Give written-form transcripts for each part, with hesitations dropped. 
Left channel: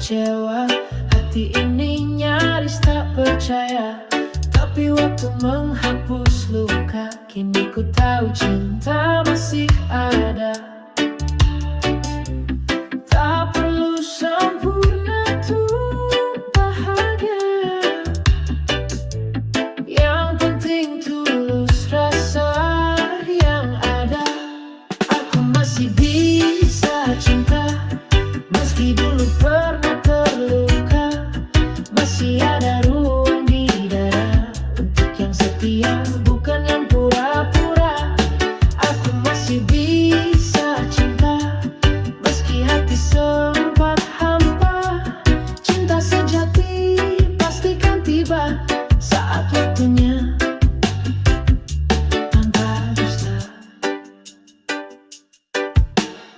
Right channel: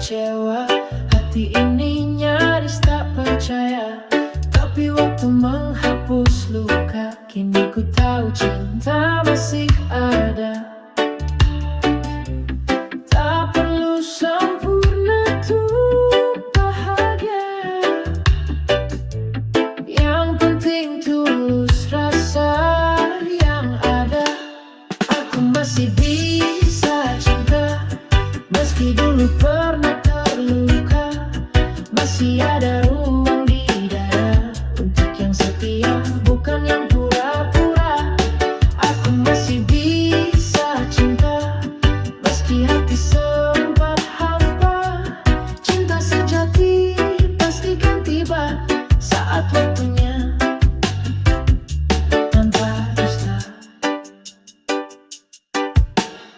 kecewa. Hati ini nyaris tak percaya, tapi waktu menghapus luka. Kini ku tahu cinta masih ada. Tak perlu sempurna tuh bahagia, yang penting tulus rasa yang ada. Aku masih bisa cinta, meski dulu pernah terluka. Masih ada ruang di dada untuk yang setia, bukan yang pura-pura. Aku masih bisa cinta, meski hati sempat hampa. Cinta sejati pastikan tiba saat waktunya, tanpa dusta.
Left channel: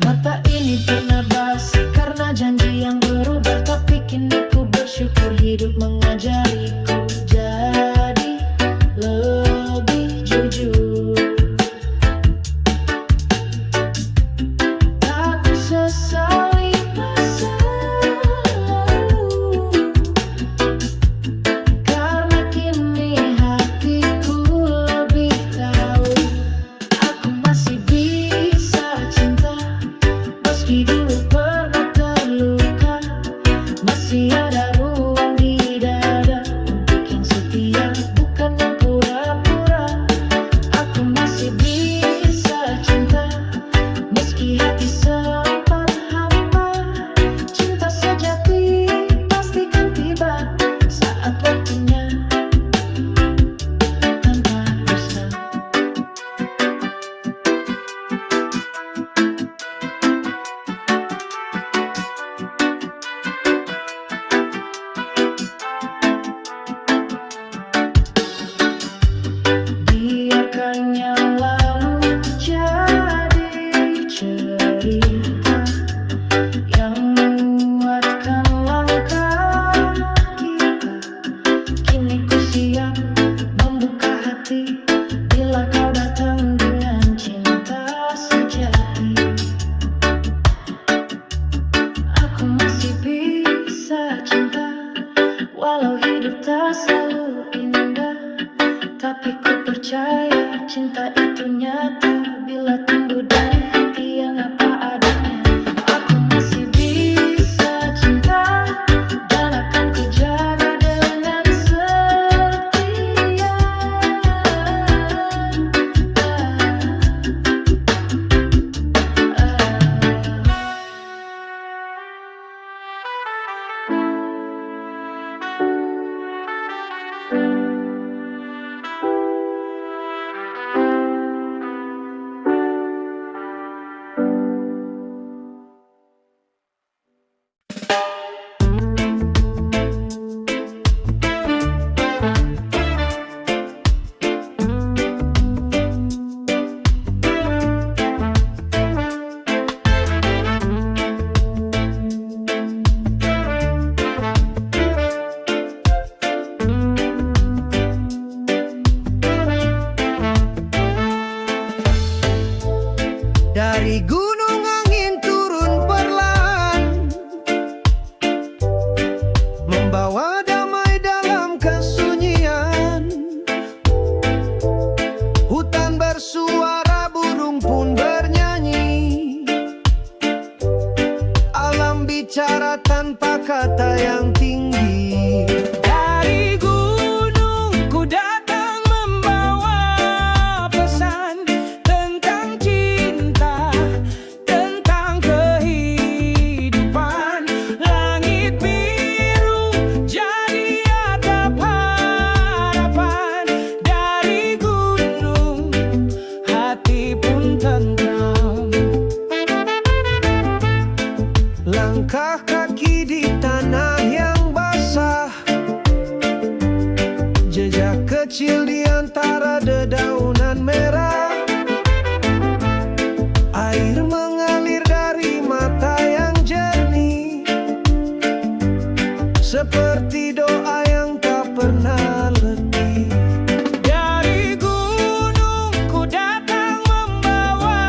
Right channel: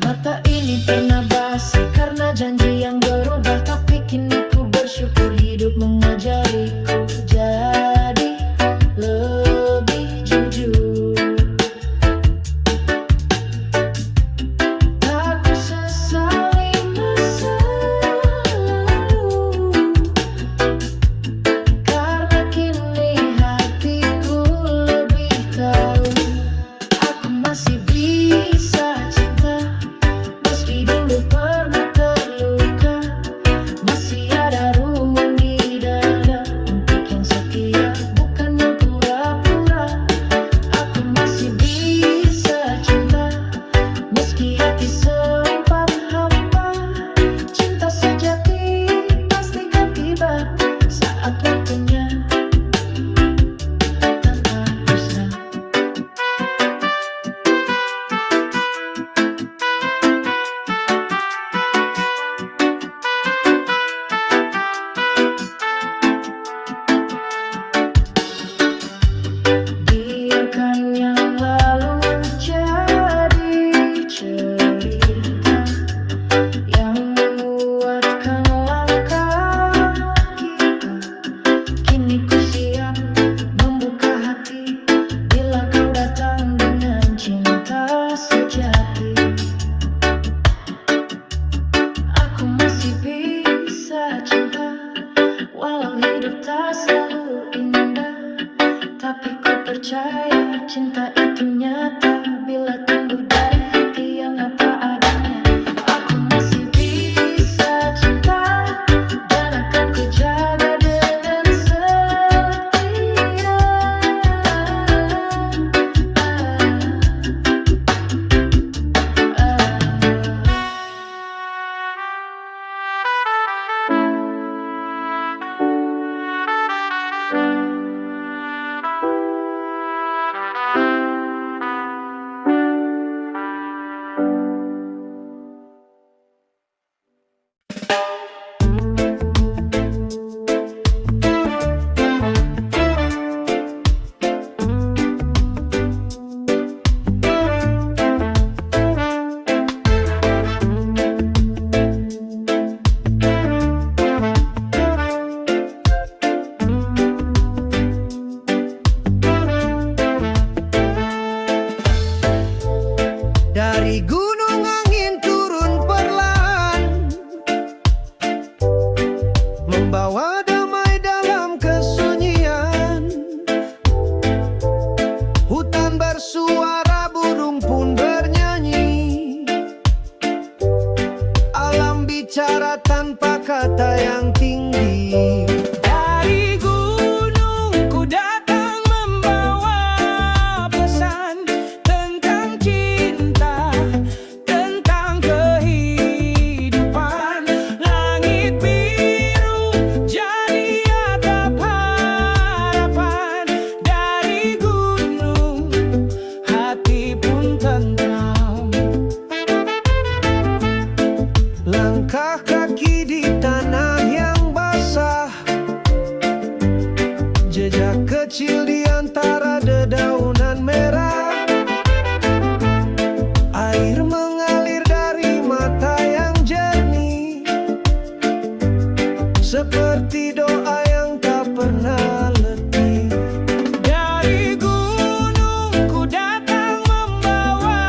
Mata ini pernah basah karena janji yang berubah, tapi kini ku bersyukur hidup mengajariku jadi lebih jujur. Tak ku sesali masa lalu, karena kini hatiku lebih tahu. Aku masih bisa cinta, meski dulu pernah terluka. Masih ada ruang di dada untuk yang setia, bukan yang pura-pura. Aku masih bisa cinta, meski hati sempat hampa. Cinta sejati pastikan tiba saat waktunya, tanpa dusta. Biarkan yang lalu jadi cerita yang menguatkan langkah kita. Kini ku siap membuka hati bila kau datang dengan cinta sejati. Aku masih bisa cinta, walau hidup tak selalu indah. Tapi ku percaya cinta itu nyata bila tumbuh dari hati yang apa adanya. Aku masih bisa cinta, dan akan ku jaga dengan setia. Dari gunung angin turun perlahan, membawa damai dalam kesunyian. Hutan bersuara, burung pun bernyanyi. Alam bicara tanpa kata yang tinggi. Dari gunung ku datang membawa pesan tentang cinta, tentang kehidupan. Langit biru jadi atap harapan. Dari gunung hati pun tentram. Langkah kaki di tanah yang basah, jejak kecil di antara dedaunan merah. Air mengalir dari mata yang jernih, seperti doa yang tak pernah letih. Dari gunung ku datang membawa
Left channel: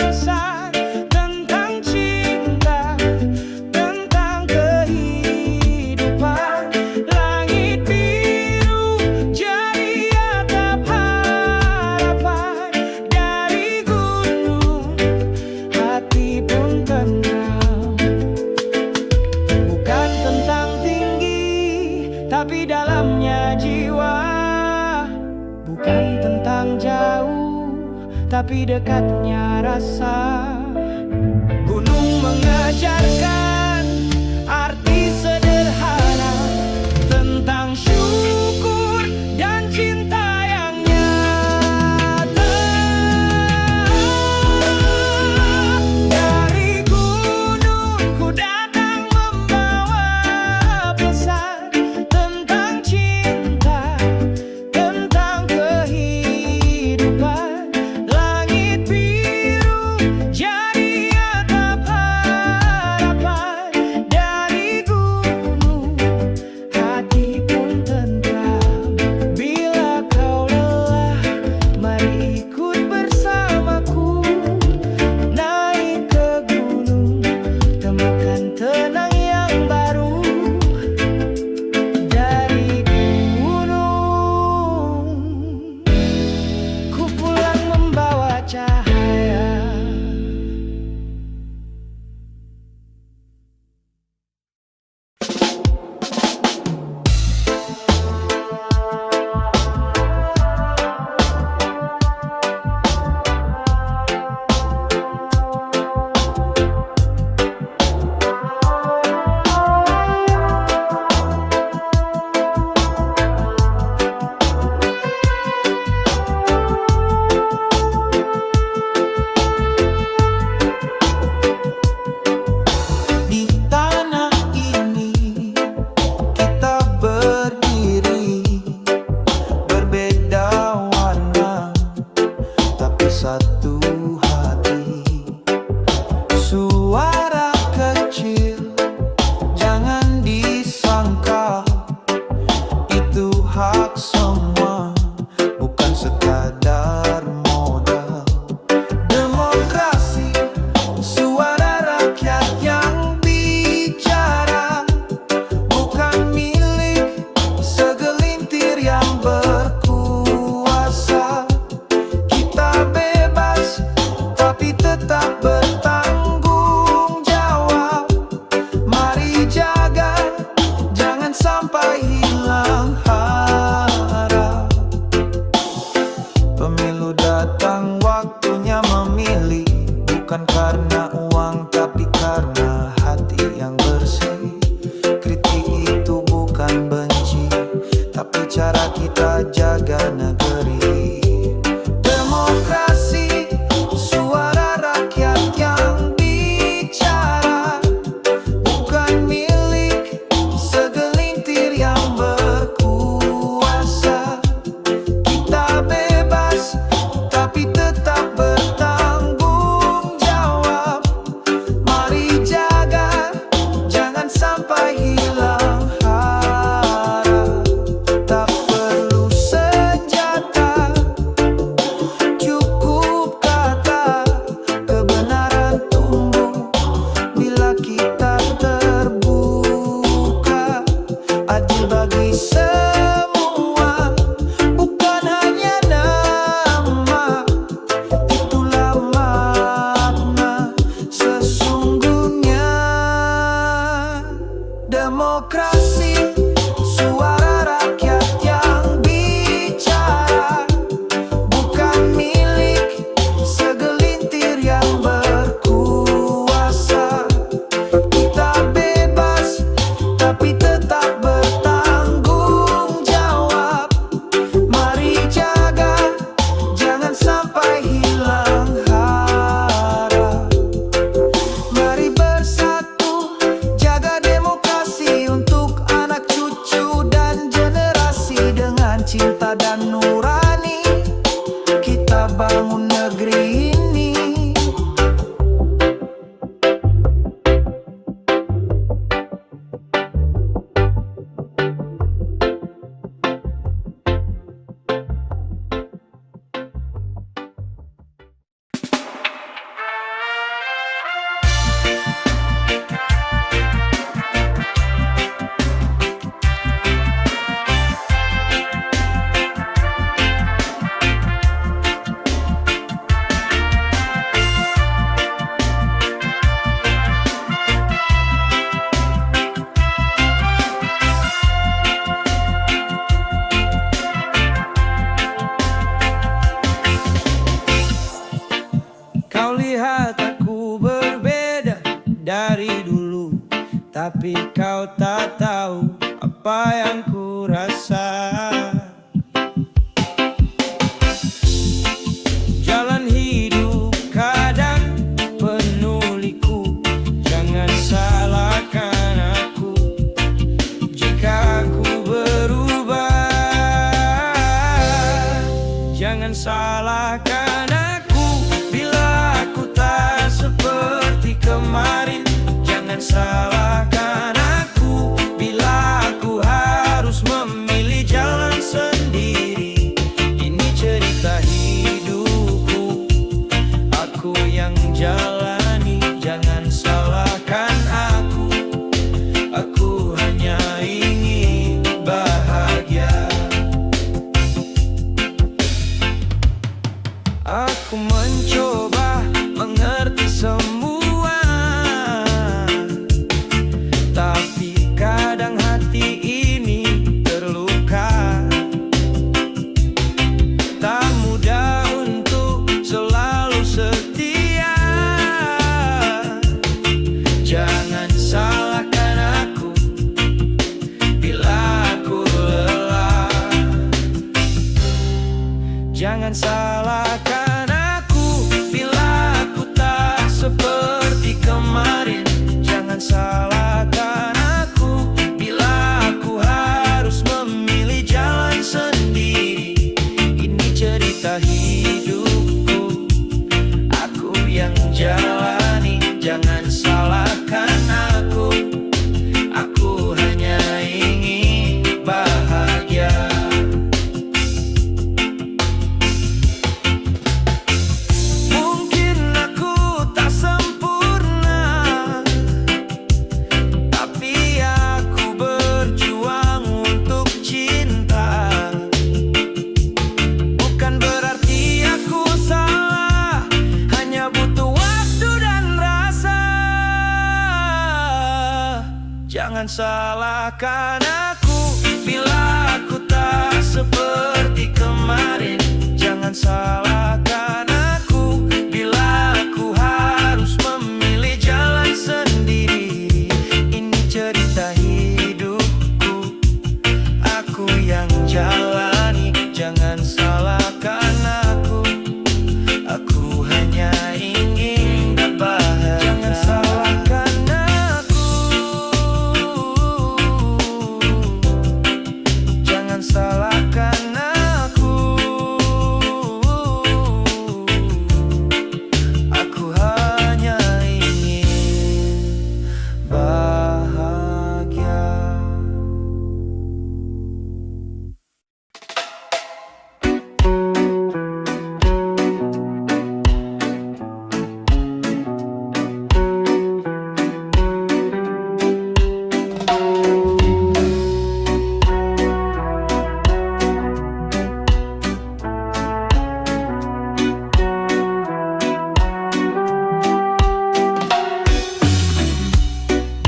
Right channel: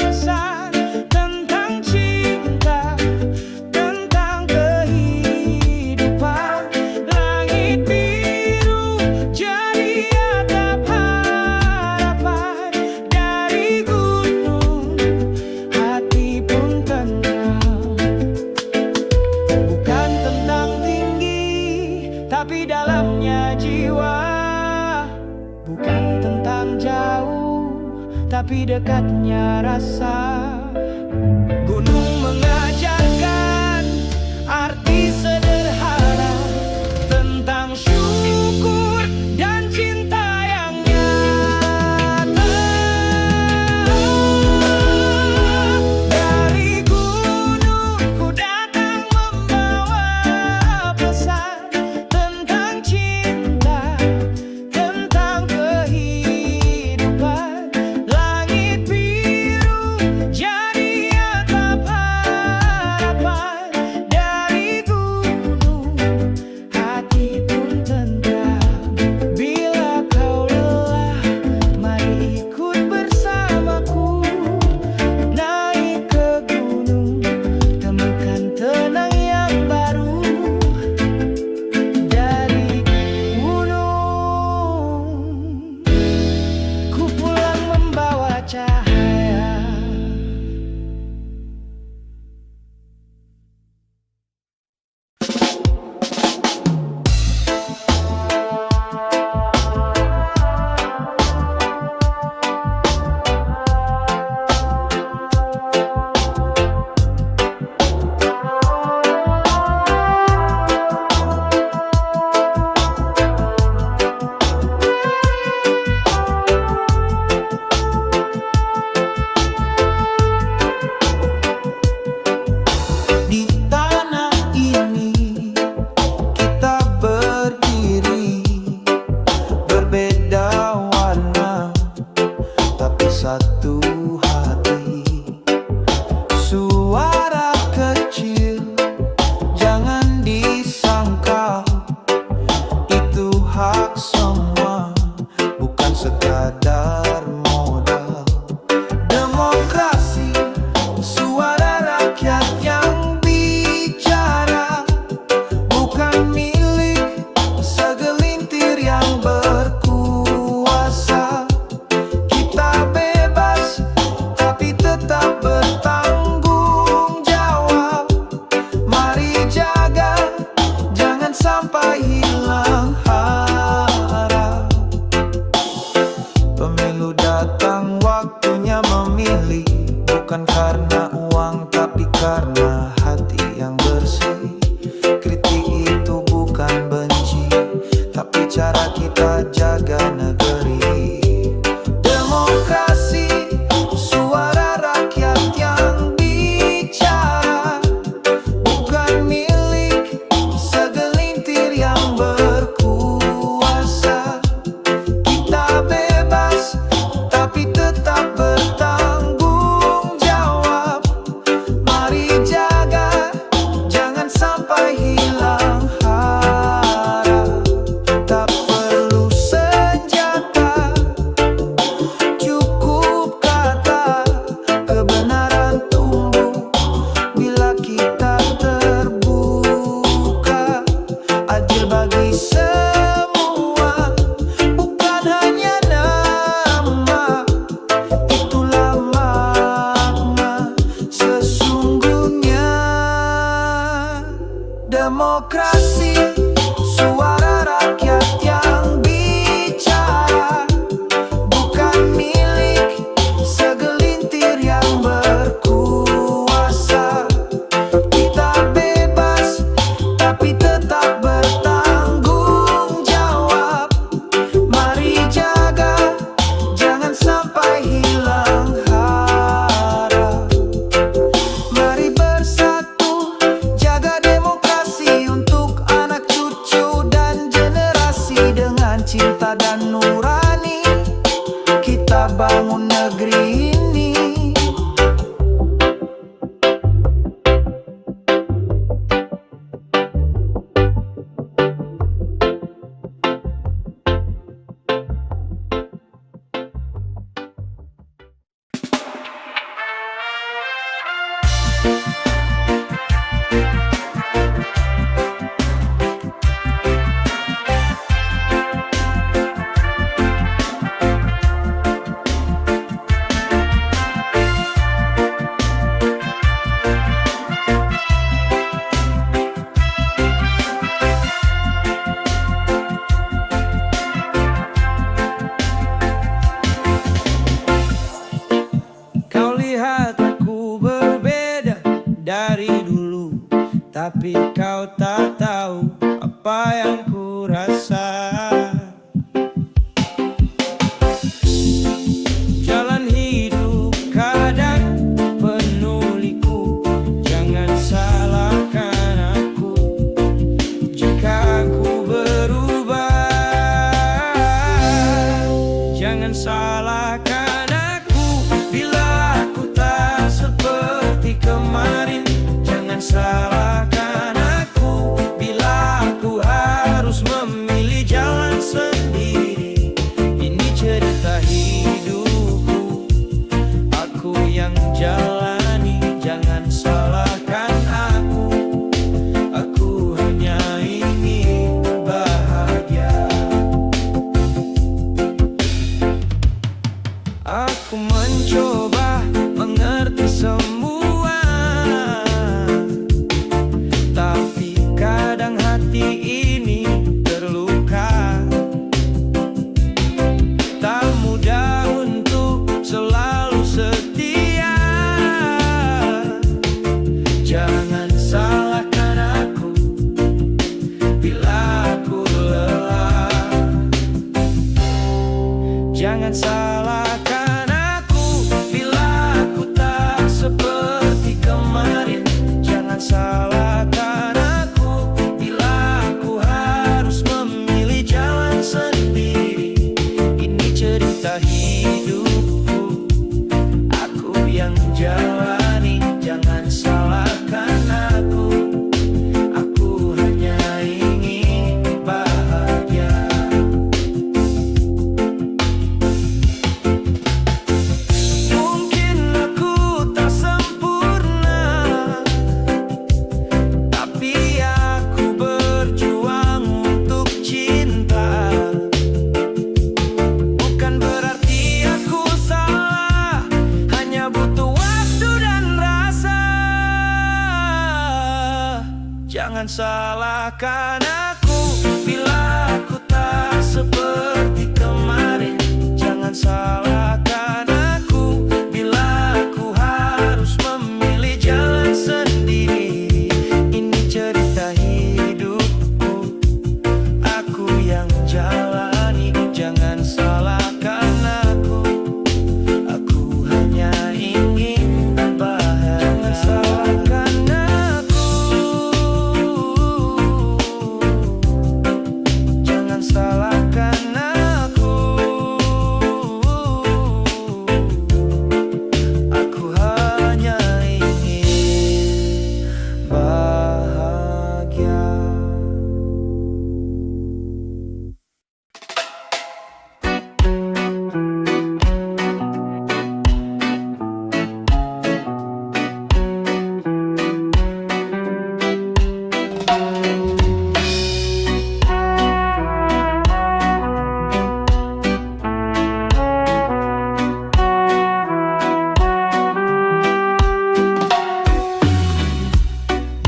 pesan tentang cinta, tentang kehidupan. tapi dalamnya jiwa. Bukan tentang jauh, tapi dekatnya rasa. Gunung mengajarkan arti sederhana tentang syukur dan cinta yang nyata. Dari gunung ku datang membawa pesan tentang cinta, tentang kehidupan. Langit biru jadi atap harapan. Dari gunung hati pun tentram. Bila kau lelah, mari ikut bersamaku. Naik ke gunung, temukan tenang yang baru. Dari gunung ku pulang membawa cahaya. Di tanah ini kita berdiri, berbeda warna, tapi satu hati. Suara kecil jangan disangkal, itu hak semua, bukan sekadar modal. Demokrasi, suara rakyat yang bicara, bukan milik segelintir yang berkuasa. Kita bebas, tapi tetap bertanggung jawab. Mari jaga, jangan sampai hilang harap. Pemilu datang, waktunya memilih. Bukan karena uang, tapi karena hati yang bersih. Kritik itu bukan benci, tapi cara kita jaga negeri. Demokrasi, suara rakyat yang bicara, bukan milik segelintir yang berkuasa. Kita bebas, tapi tetap bertanggung jawab. Mari jaga, jangan sampai hilang harap. Tak perlu senjata, cukup kata. Kebenaran tumbuh bila kita terbuka. Adil bagi semua, bukan hanya nama. Itulah makna sesungguhnya. Demokrasi, suara rakyat yang bicara, bukan milik segelintir yang berkuasa. Kita bebas, tapi tetap bertanggung jawab. Mari jaga, jangan sampai hilang harap. Mari bersatu, jaga demokrasi untuk anak cucu dan generasi. Dengan cinta dan nurani, kita bangun negeri ini. tapi kau tak tahu apa yang ku rasa. Jalan hidup kadang penuh liku, jangan salahkan aku jika aku berubah. Jangan salahkan aku bila aku tak seperti kemarin. Jangan salahkan aku bila aku harus memilih jalan sendiri. Ini cerita hidupku, aku yang jalani. Jangan salahkan aku hanya ingin bahagia. Aku mencoba mengerti semua, tapi kadang hati ini terluka. Tak mudah untuk selalu setia. Jangan salahkan aku bila aku lelah. Jangan salahkan aku bila aku tak seperti kemarin. Jangan salahkan aku bila aku harus memilih jalan sendiri. Ini cerita hidupku, aku yang jalani. Jangan salahkan aku hanya ingin bahagia. Mungkin aku tak sempurna, tapi aku berjuang untuk cinta. Bukan berarti aku salah, hanya butuh waktu dan rasa. Jangan salahkan aku bila aku tak seperti kemarin. Jangan salahkan aku bila aku harus memilih jalan sendiri. Ini cerita hidupku, aku yang jalani. Jangan salahkan aku hanya ingin berbahagia. Jangan salahkan jangan salahkan aku hanya ingin bahagia.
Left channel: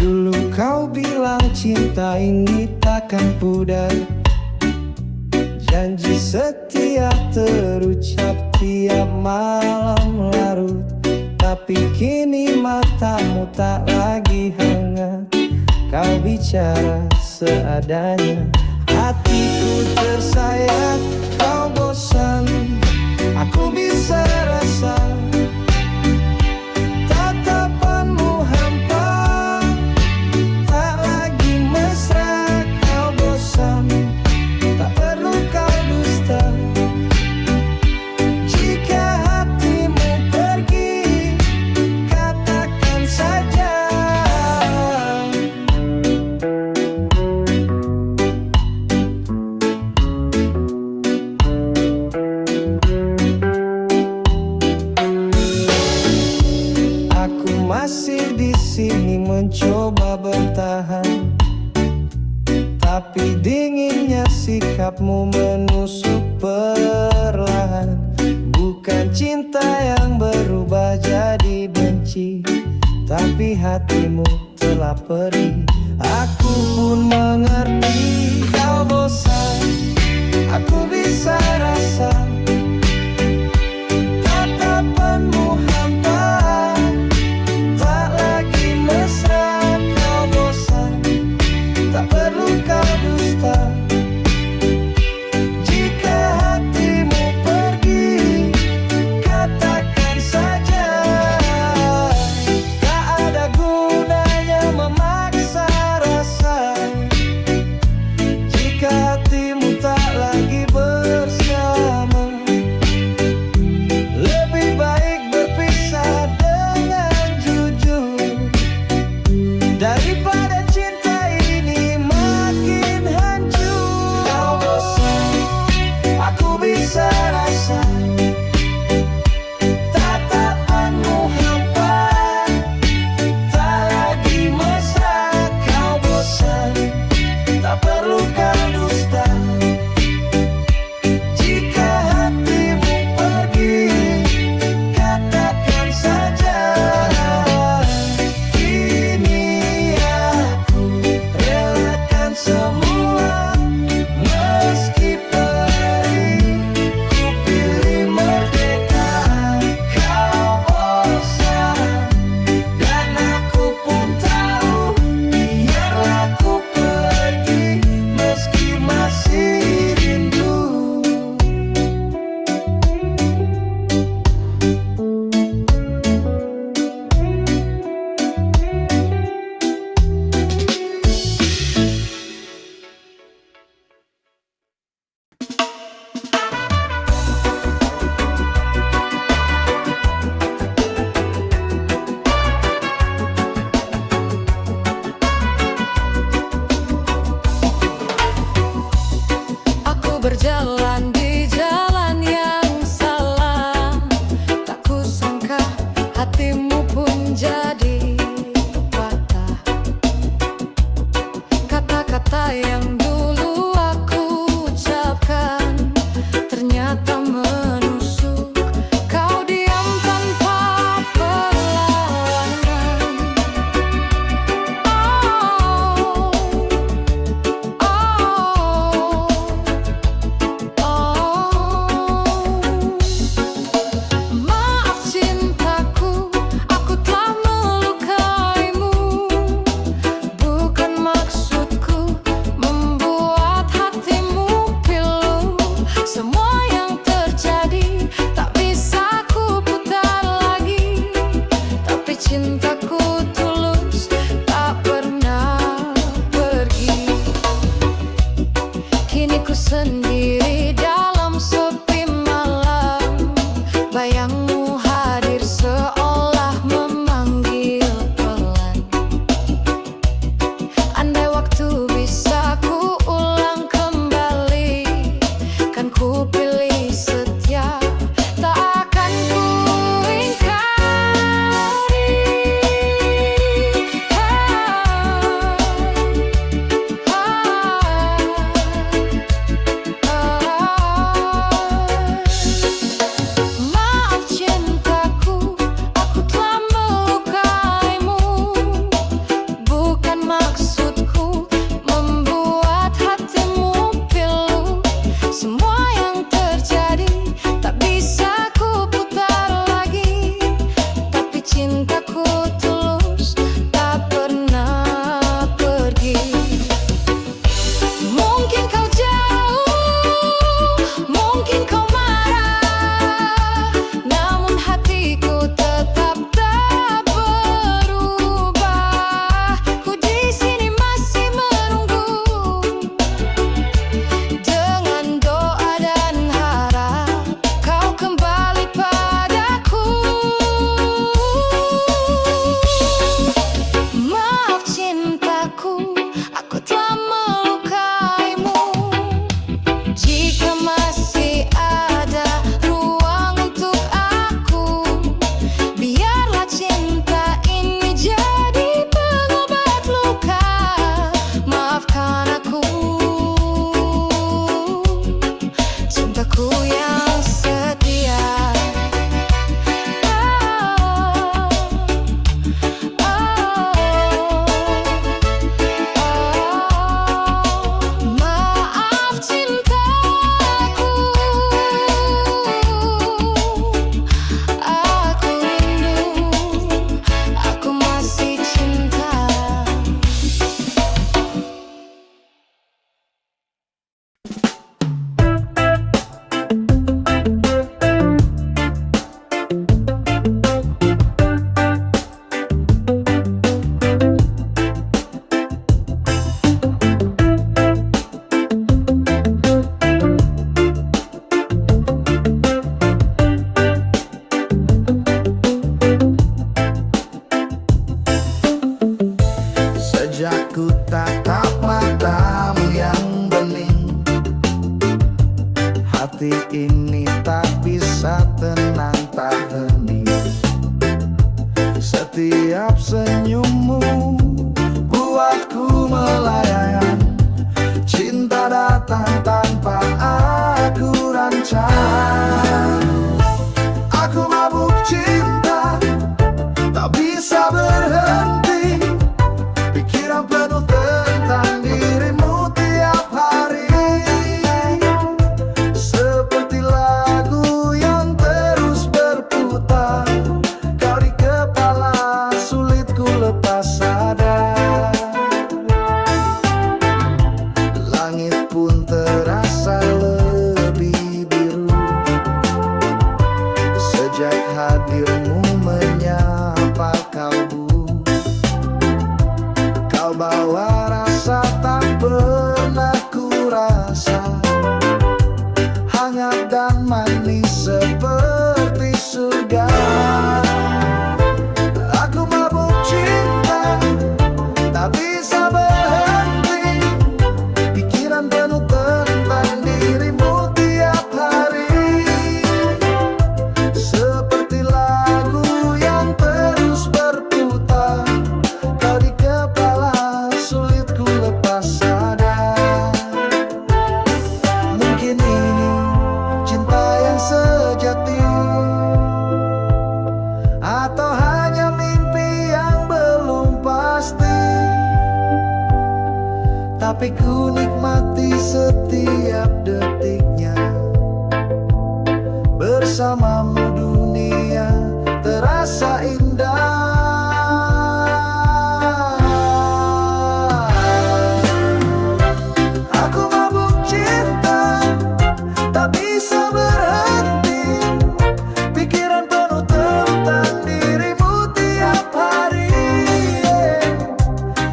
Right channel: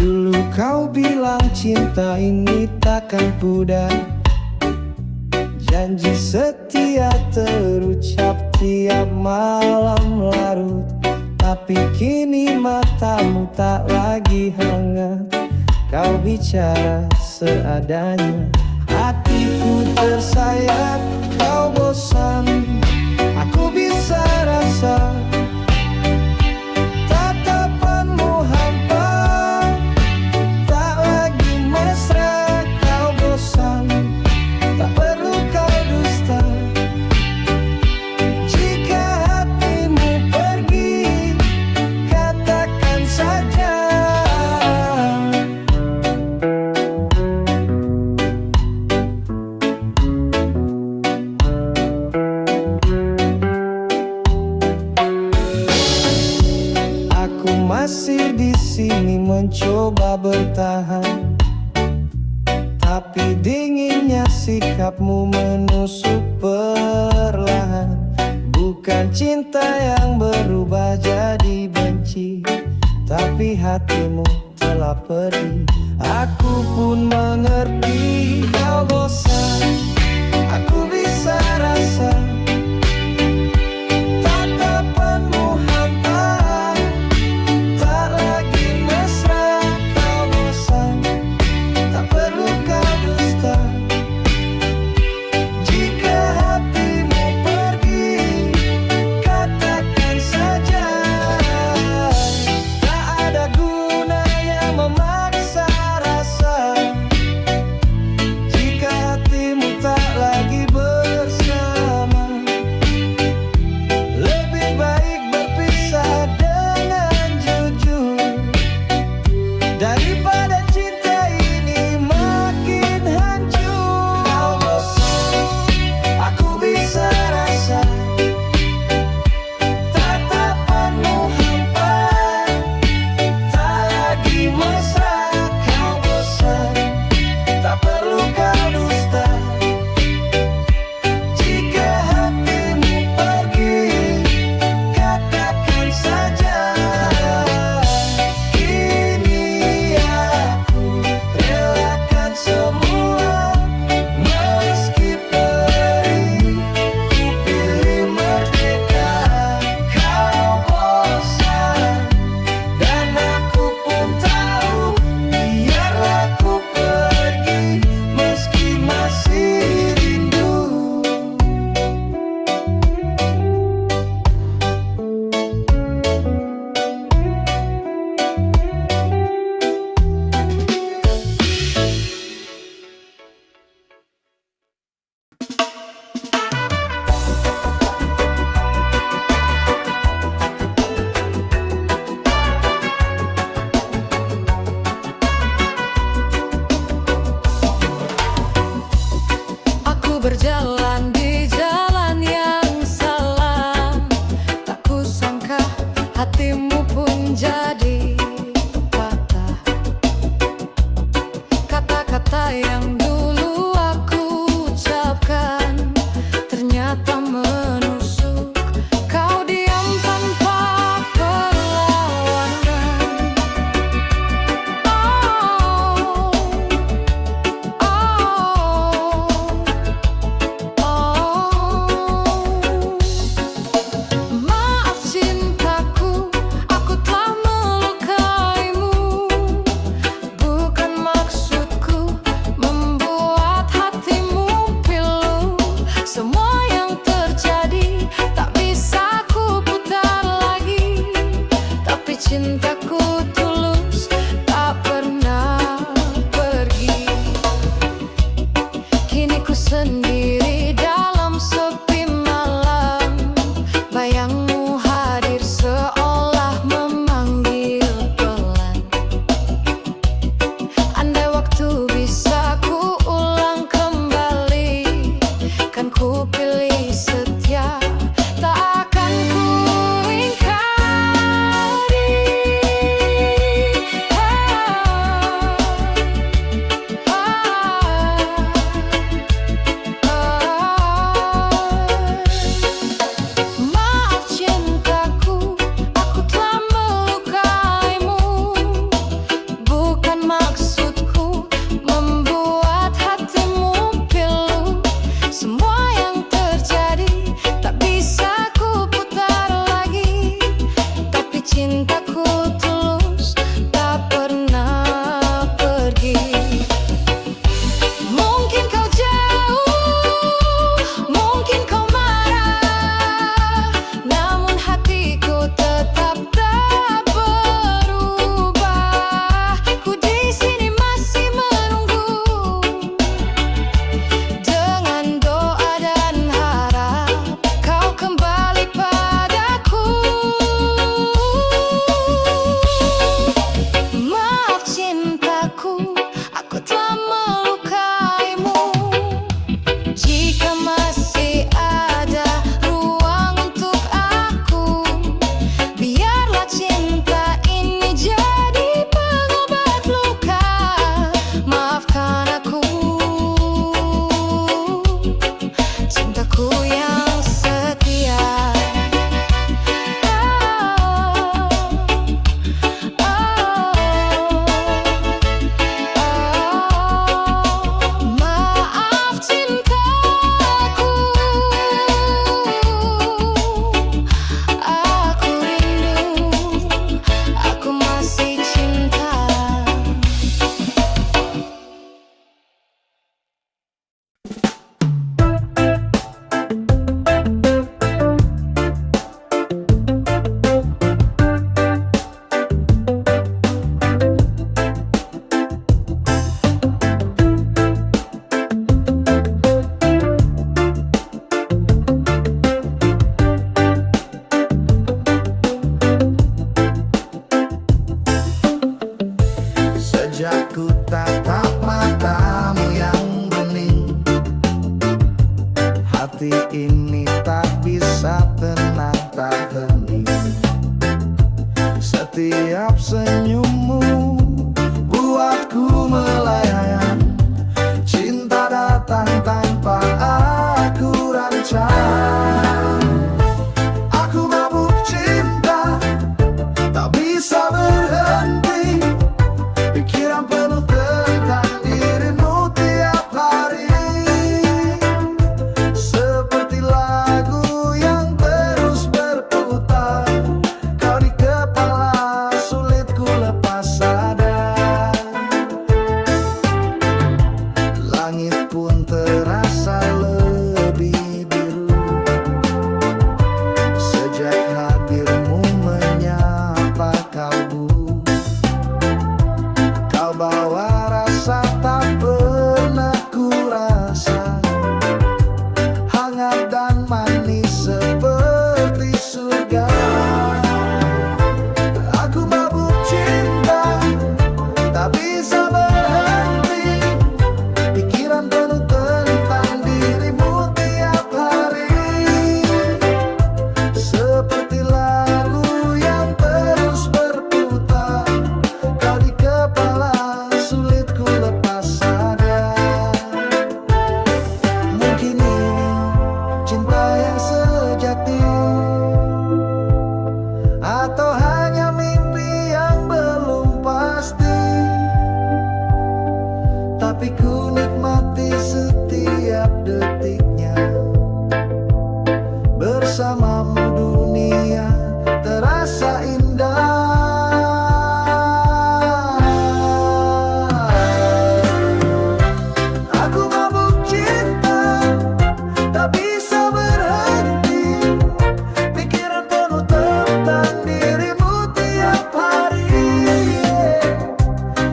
Dulu kau bilang cinta ini takkan pudar. Janji setia terucap tiap malam larut. Tapi kini matamu tak lagi hangat. Kau bicara seadanya, hatiku tersayat. Kau bosan, aku bisa rasa. Tatapanmu hampa, tak lagi mesra. Kau bosan, tak perlu kau dusta. Jika hatimu pergi, katakan saja. Aku masih di sini mencoba bertahan, tapi dinginnya sikapmu menusuk perlahan. Bukan cinta yang berubah jadi benci, tapi hatimu telah pergi. Aku pun mengerti kau bosan, aku bisa rasa. Tatapanmu hampa, tak lagi mesra. Kau bosan, berjalan di jalan yang salah. Tak kusangka hatimu pun jadi patah. Kata-kata yang dulu aku ucapkan ternyata menusuk. Kau diam tanpa perlawanan. Oh, maaf cintaku, aku telah melukaimu. Bukan maksudku membuat hatimu pilu. Semua yang terjadi tak bisa ku putar lagi. Tapi cintaku tulus, tak pernah pergi. Kini ku sendiri dalam sepi malam. Bayangmu hadir seolah memanggil pelan. Andai waktu bisa ku ulang kembali, kan ku pilih setia, tak akan ku ingkari. Maaf cintaku, aku telah melukaimu. Bukan maksudku membuat hatimu pilu. Semua yang terjadi tak bisa ku putar lagi. Tapi cintaku tulus, tak pernah pergi. Mungkin kau jauh, mungkin kau marah, namun hatiku tetap tak berubah. Ku di sini masih menunggu, dengan doa dan harap kau kembali padaku. Maaf cintaku, aku telah melukaimu. Jika masih ada ruang untuk aku, biarlah cinta ini jadi pengobat luka. Maafkan aku, cintaku yang setia. Maaf cintaku, aku rindu, aku masih cinta. Sejak ku tatap matamu yang bening, hati ini tak bisa tenang, tak hening. Setiap senyummu buatku melayang. Cinta datang tanpa aku rancang. Aku mabuk cinta, tak bisa berhenti. Pikiran penuh tentang dirimu tiap hari. Seperti lagu yang terus berputar, kau di kepala, sulit ku lepas sadar. Langit pun terasa lebih biru sejak hadirmu menyapa kalbu. Kau bawa rasa tak pernah ku rasa, hangat dan manis seperti surga. Aku mabuk cinta, tak bisa berhenti. Pikiran penuh tentang dirimu tapi ku nikmati setiap detiknya. Bersamamu dunia terasa indah. Aku mabuk cinta, tak bisa berhenti. Pikiran penuh tentang dirimu tiap hari,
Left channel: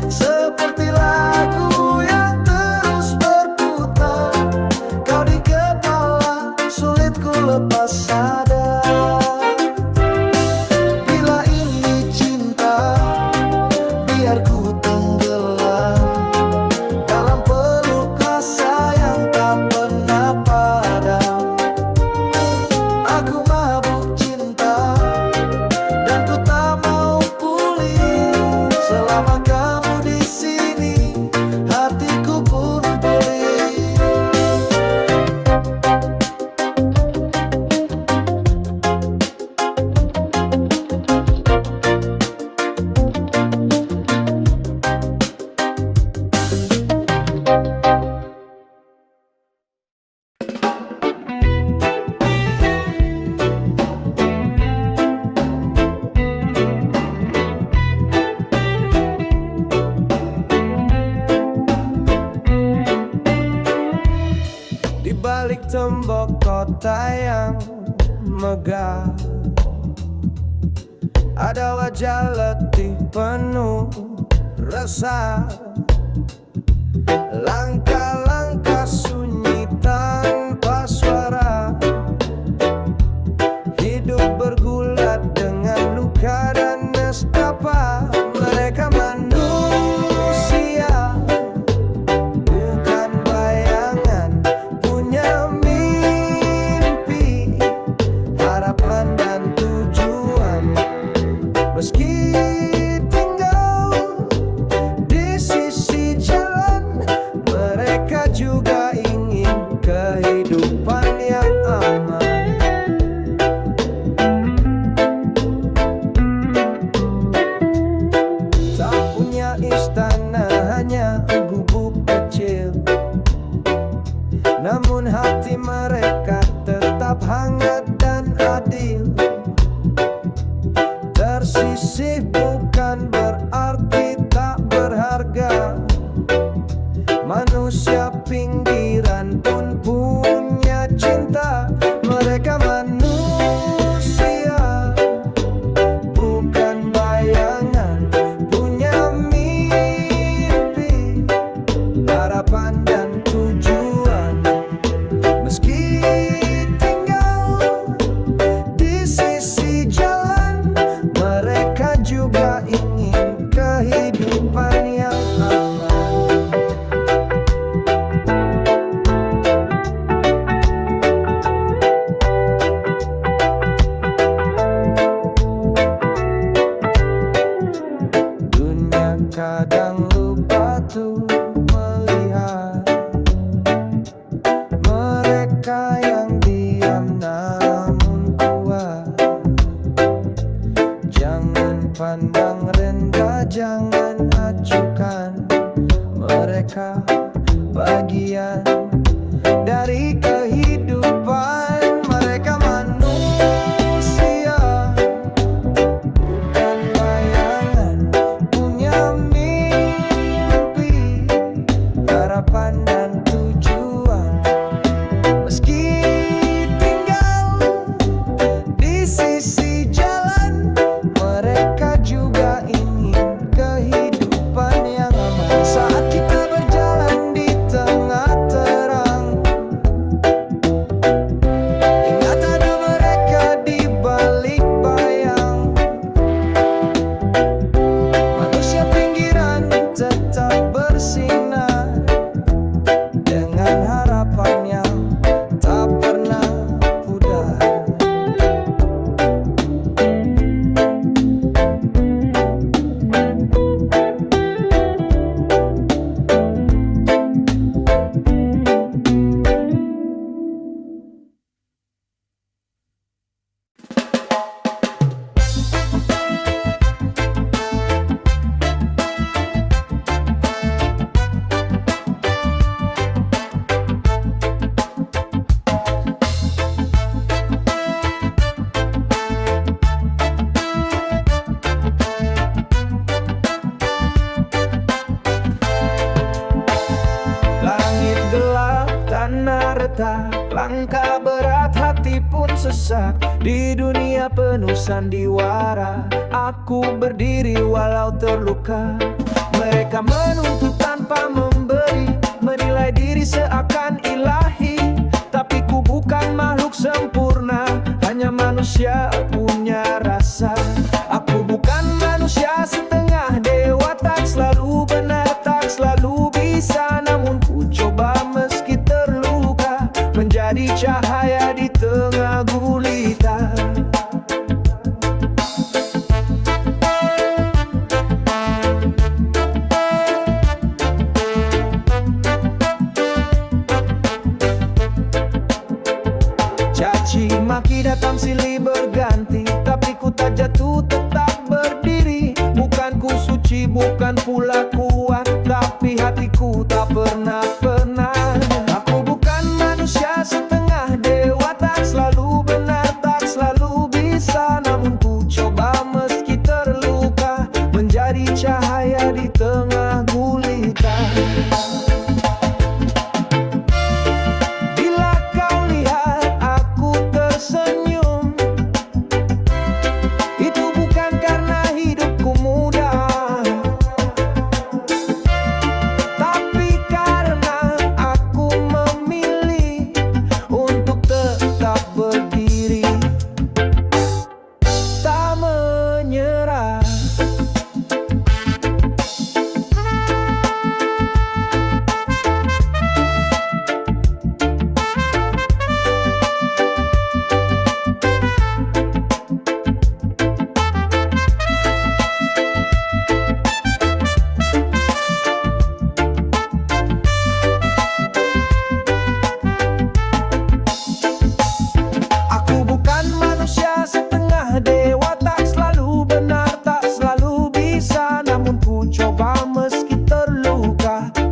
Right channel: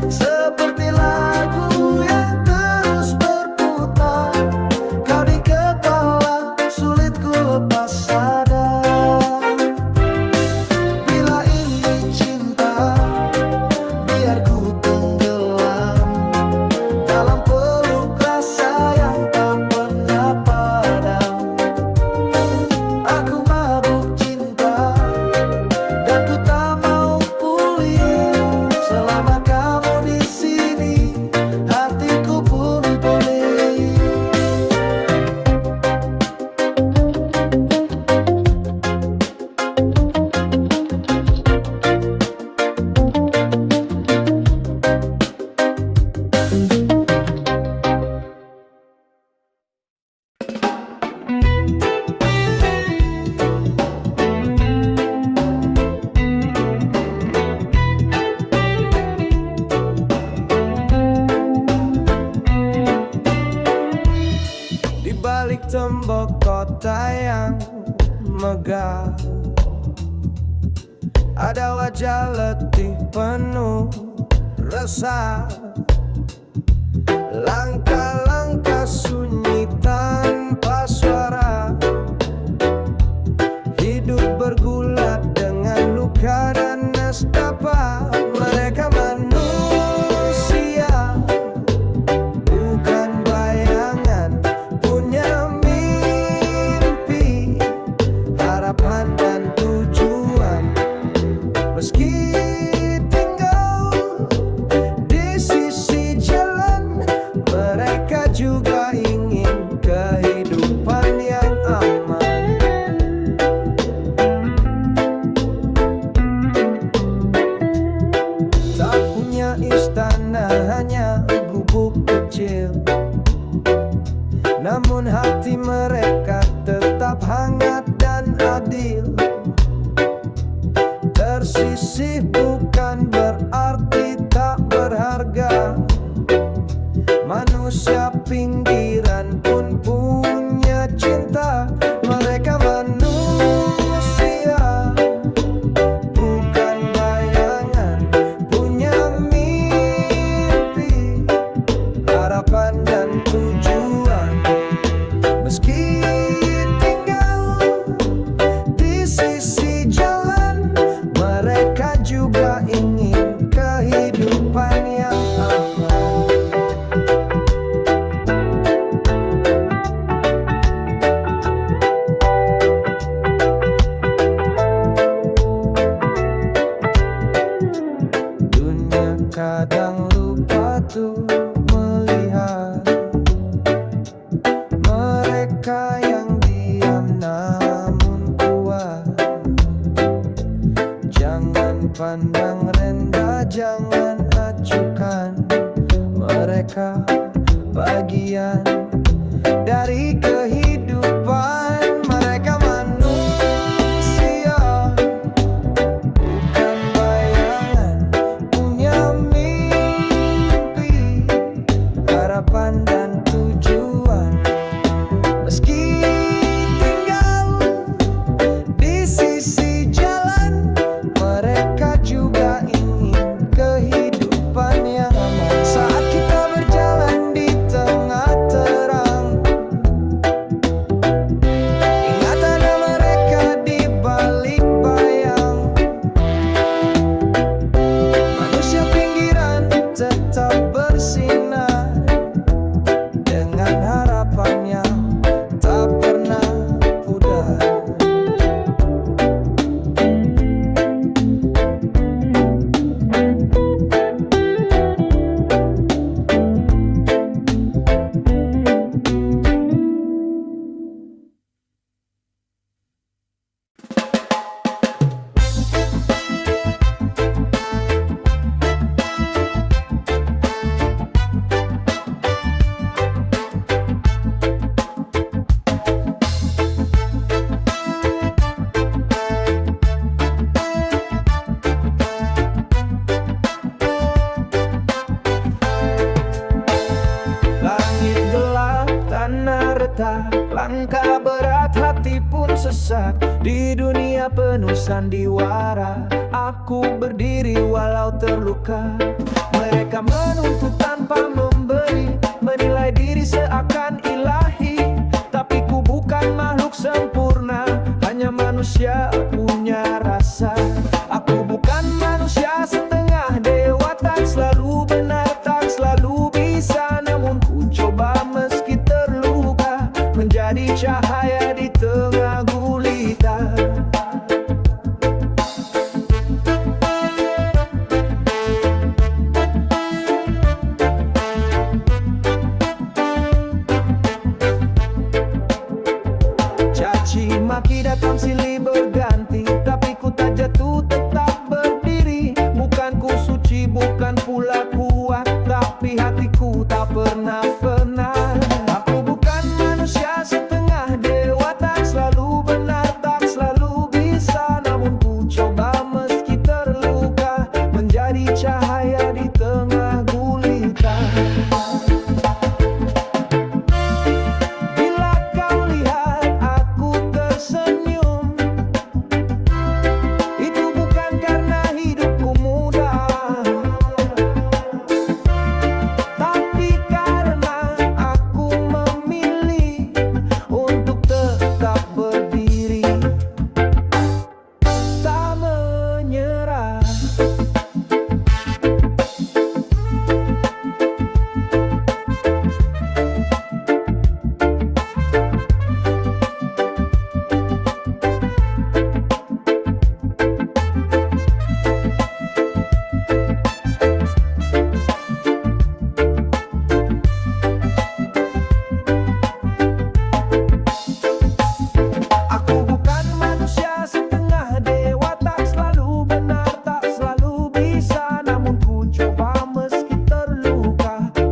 seperti lagu yang terus berputar. Kau di kepala, sulit ku lepas sadar. Bila ini cinta, biar ku tenggelam dalam peluk rasa yang tak pernah padam. Aku mabuk cinta dan ku tak mau pulih. Selama kamu di sini, hatiku pun pulih. Di balik tembok kota yang megah, ada wajah letih penuh resah. Langkah-langkah sunyi tanpa suara. Hidup bergulat dengan luka dan nestapa. Mereka manusia, bukan bayangan. Punya mimpi, harapan dan tujuan. Meski tinggal di sisi jalan, mereka juga ingin kehidupan yang aman. Tak punya istana, hanya gubuk kecil. Namun hati mereka tetap hangat dan adil. Tersisih bukan berarti tak berharga. Manusia pinggiran pun punya cinta. Mereka manusia, bukan bayangan. Punya mimpi, harapan dan tujuan. Meski tinggal di sisi jalan, mereka juga ingin kehidupan yang aman. Dunia kadang lupa tuh melihat mereka yang diam namun kuat. Jangan pandang rendah, jangan acukan. Mereka bagian dari kehidupan. Mereka manusia, bukan bayangan. Punya mimpi, harapan dan tujuan. Meski tinggal di sisi jalan, mereka juga ingin kehidupan yang aman. Saat kita berjalan di tengah terang, ingat ada mereka di balik bayang. Manusia pinggiran tetap bersinar dengan harapan berdetak, langkah berat hati pun sesak. Di dunia penuh sandiwara, aku berdiri walau terluka. Mereka menuntut tanpa memberi, menilai diri seakan ilahi. Tapi ku bukan makhluk sempurna, hanya manusia punya rasa. Aku bukan manusia setengah dewa, tak selalu benar, tak selalu bisa. Namun ku coba meski terluka, menjadi cahaya di tengah gulita. Caci maki datang silih berganti, tapi ku tak jatuh, tetap berdiri. Bukan ku suci, bukan pula kuat, tapi hatiku tak pernah. Aku bukan manusia setengah dewa, tak selalu benar, tak selalu bisa. Namun ku coba meski terluka, menjadi cahaya di tengah gulita.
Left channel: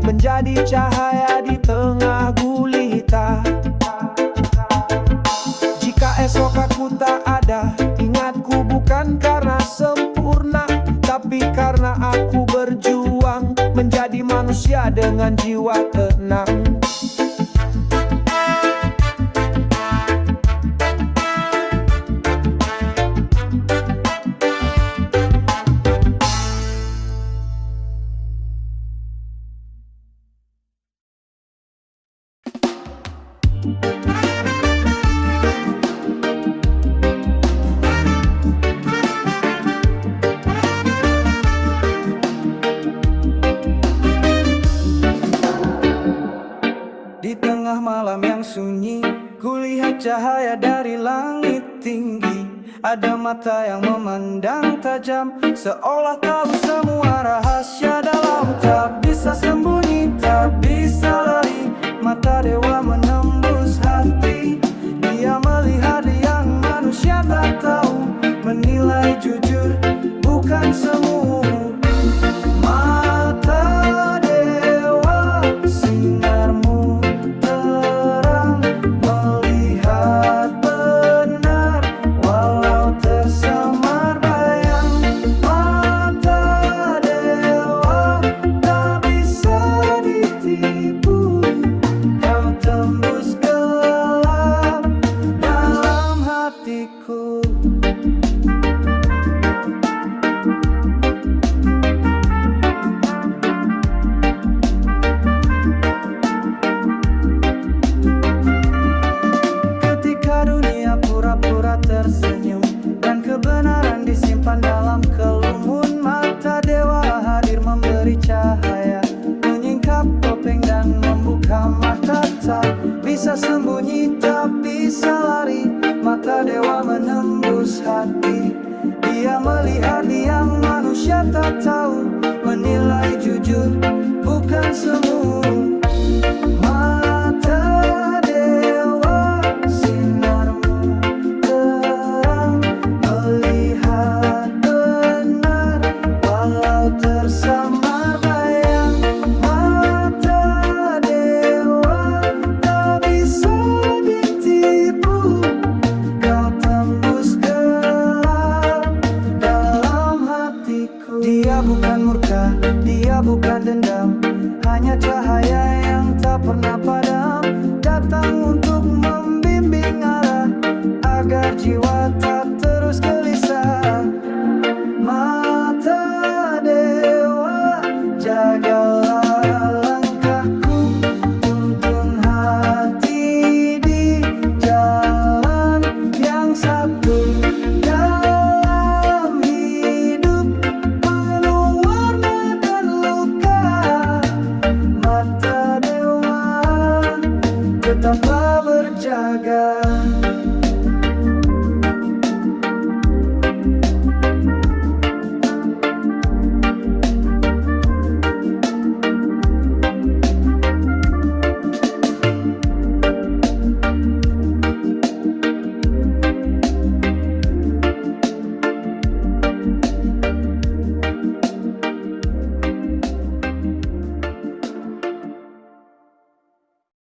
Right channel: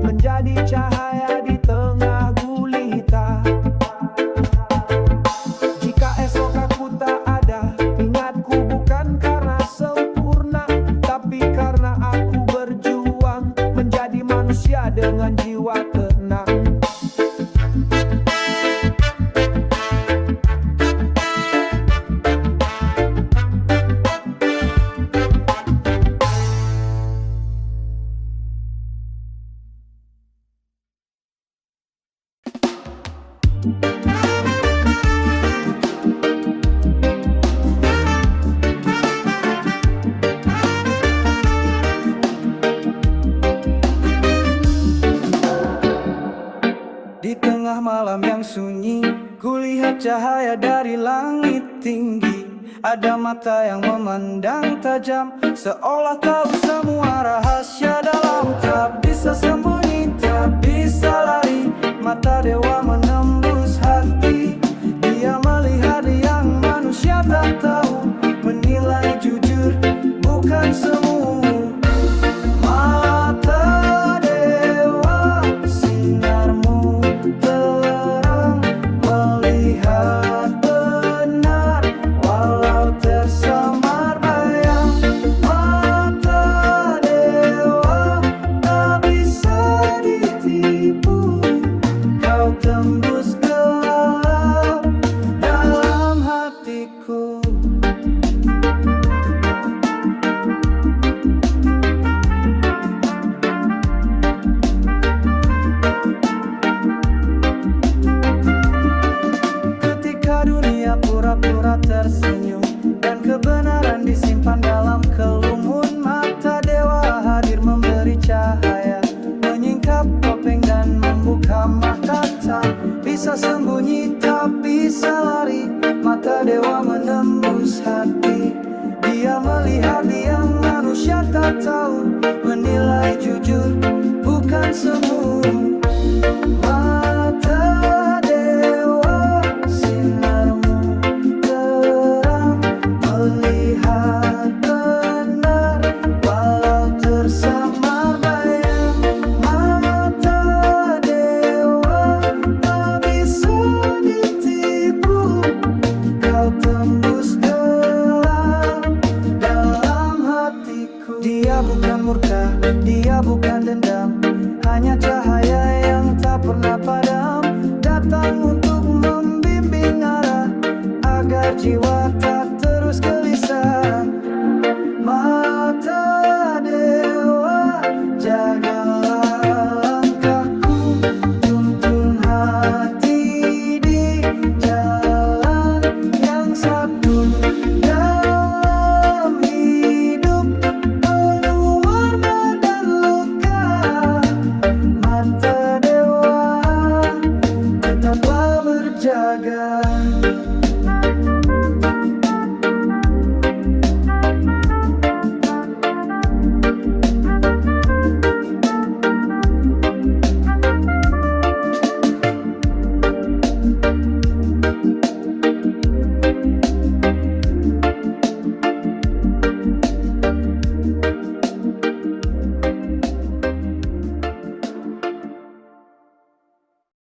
Menjadi cahaya di tengah gulita. Jika esok aku tak ada, ingat ku bukan karena sempurna, tapi karena aku berjuang menjadi manusia dengan jiwa tenang. Di tengah malam yang sunyi, kulihat cahaya dari langit tinggi. Ada mata yang memandang tajam, seolah tahu semua rahasia dalam. Tak bisa sembunyi, tak bisa lari, mata dewa menembus hati. Dia melihat yang manusia tak tahu, menilai jujur bukan semu. Mata dewa, sinarmu terang, melihat benar walau tersamar bayang. Mata dewa tak bisa ditipu, kau tembus gelap dalam hatiku. Ketika dunia pura-pura tersenyum dan kebenaran disimpan dalam kelumun, mata dewa hadir memberi cahaya, menyingkap topeng dan membuka mata. Tak bisa sembunyi, tak bisa lari, mata dewa menembus hati. Dia melihat yang manusia tak tahu, menilai jujur bukan semu. Mata dewa, sinarmu terang, melihat benar walau tersamar bayang. Mata dewa tak bisa ditipu, kau tembus gelap dalam hatiku. Dia bukan murka, dia bukan dendam, hanya cahaya yang tak pernah padam, datang untuk membimbing arah, agar jiwa tak terus gelisah. Mata dewa, jagalah langkahku, tuntun hati di jalan yang satu. Dalam hidup penuh warna dan luka, mata dewa tetaplah berjaga.